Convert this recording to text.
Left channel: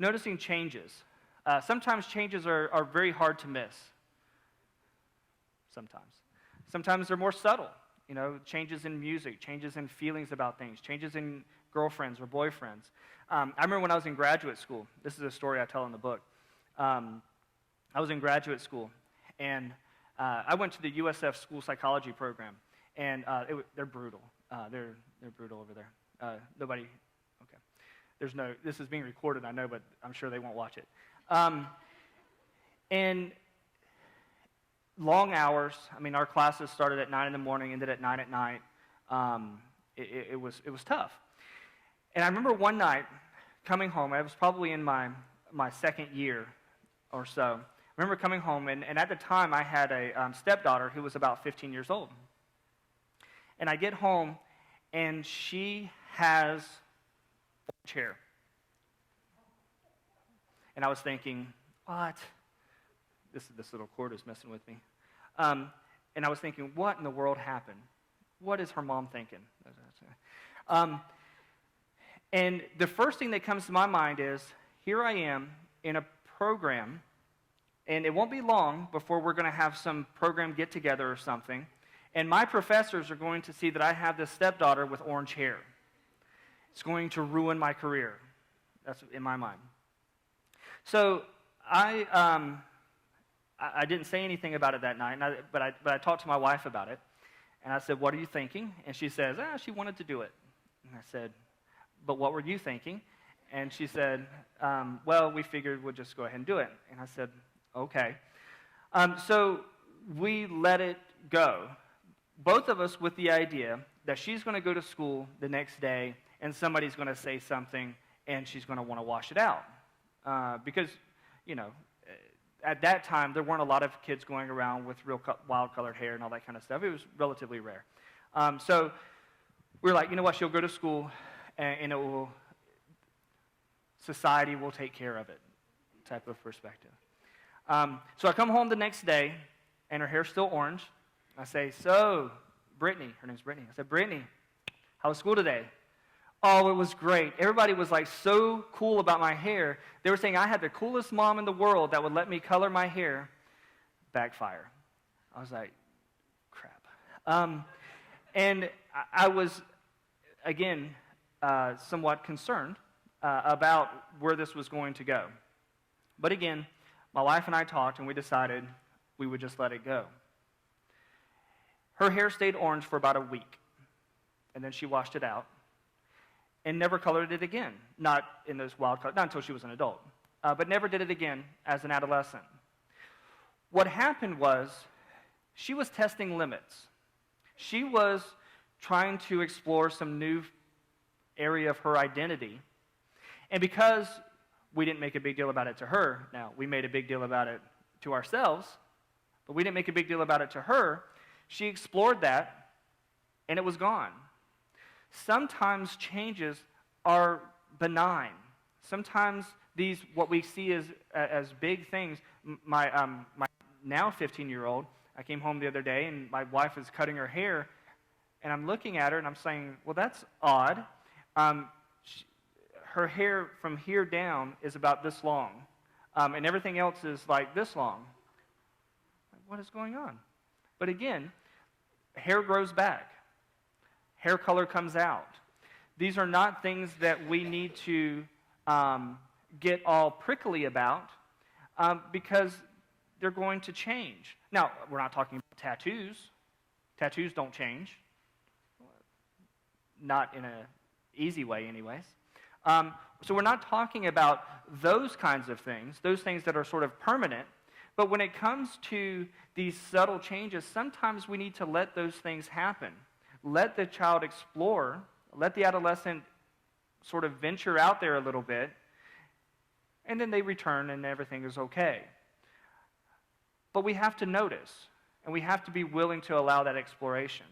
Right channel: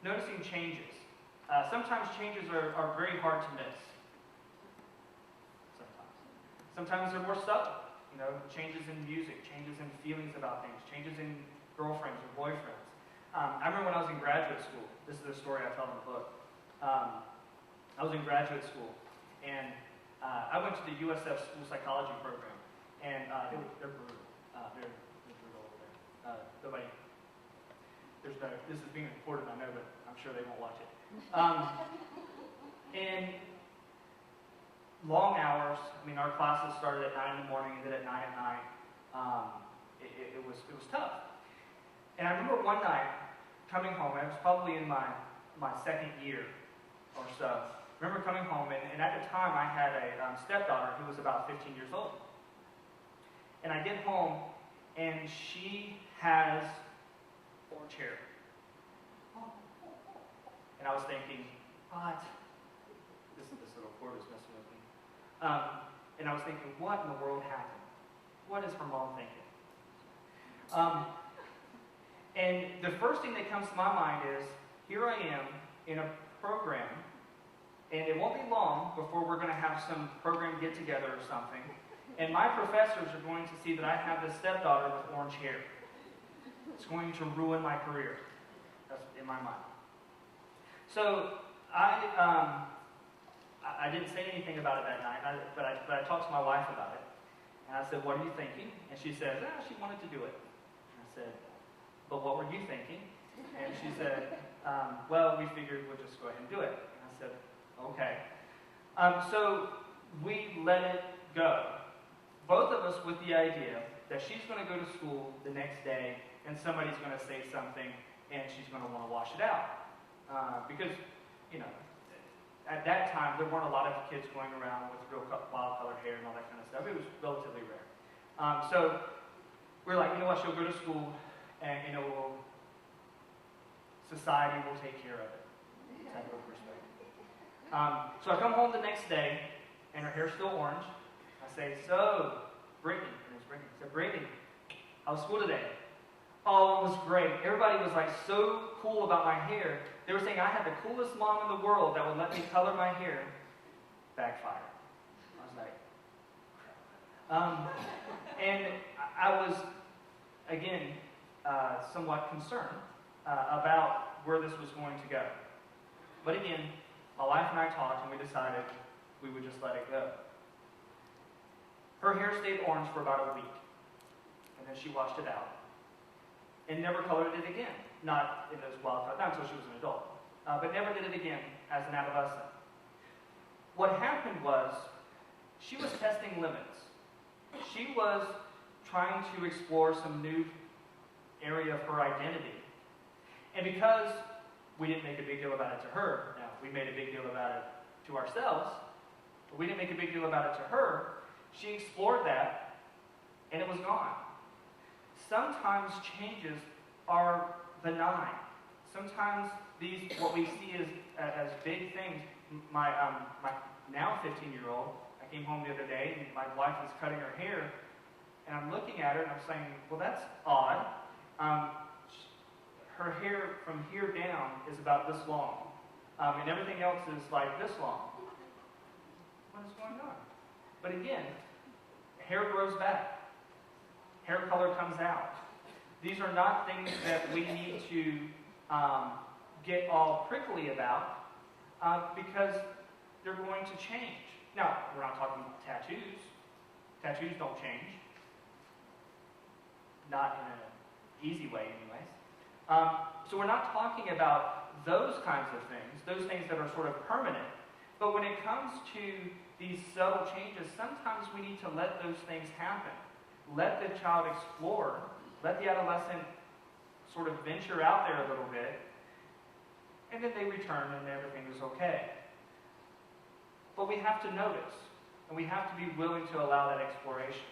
Noticing changes. Sometimes changes are very hard to miss. Sometimes. Sometimes they're more subtle. Changes in music, changes in feelings about things, changes in girlfriends or boyfriends. I remember when I was in graduate school. This is a story I tell in the book. I was in graduate school, and I went to the USF school psychology program, and they're brutal. They're brutal over there. Nobody. This is being recorded, I know, but I'm sure they won't watch it. And long hours. Our classes started at 9 in the morning, ended at 9 at night. It was tough. And I remember one night coming home. I was probably in my second year or so. I remember coming home, and at the time I had a stepdaughter who was about 15 years old. And I get home, and she has a chair. And I was thinking, what? This little cord is messing with me. And I was thinking, what in the world happened? What is her mom thinking? And the first thing that comes to my mind is, here I am in a program, and it won't be long before we're going to have some program get-together or something, and my professors are going to see that I have this stepdaughter with orange hair. It's going to ruin my career. That's in my mind. So I didn't say anything about it that night, but I talked to my wife about it, and I said, what are you thinking? And she says, she wanted to do it. And I said, but what were you thinking? And she said, well, we figured we'd just go ahead and do it. And I said, okay. So we let it go, both of us with the idea that she's going to go to school the next day, and somebody's going to say something, and she's going to want to wash it out. Because, at that time, there weren't a lot of kids going around with real wild colored hair and all that kind of stuff. It was relatively rare. So we were like, you know what, she'll go to school, and society will take care of it, type of perspective. So I come home the next day, and her hair's still orange. I say, so, Brittany, her name's Brittany. I said, Brittany, how was school today? Oh, it was great. Everybody was so cool about my hair. They were saying I had the coolest mom in the world that would let me color my hair. Backfired. I was like, crap. And I was, again, somewhat concerned about where this was going to go. But again, my wife and I talked, and we decided we would just let it go. Her hair stayed orange for about a week, and then she washed it out and never colored it again. Not in those wild colors, not until she was an adult, but never did it again as an adolescent. What happened was she was testing limits. She was trying to explore some new area of her identity. And because we didn't make a big deal about it to her, now we made a big deal about it to ourselves, but we didn't make a big deal about it to her, she explored that, and it was gone. Sometimes changes are benign. Sometimes these, what we see as big things, my now 15-year-old, I came home the other day, and my wife is cutting her hair, and I'm looking at her, and I'm saying, well, that's odd. Her hair from here down is about this long, and everything else is like this long. What is going on? But again, hair grows back. Hair color comes out. These are not things that we need to get all prickly about because they're going to change. Now, we're not talking tattoos. Tattoos don't change. Not in an easy way, anyways. So we're not talking about those kinds of things, those things that are sort of permanent. But when it comes to these subtle changes, sometimes we need to let those things happen. Let the child explore. Let the adolescent sort of venture out there a little bit. And then they return and everything is okay. But we have to notice. And we have to be willing to allow that exploration.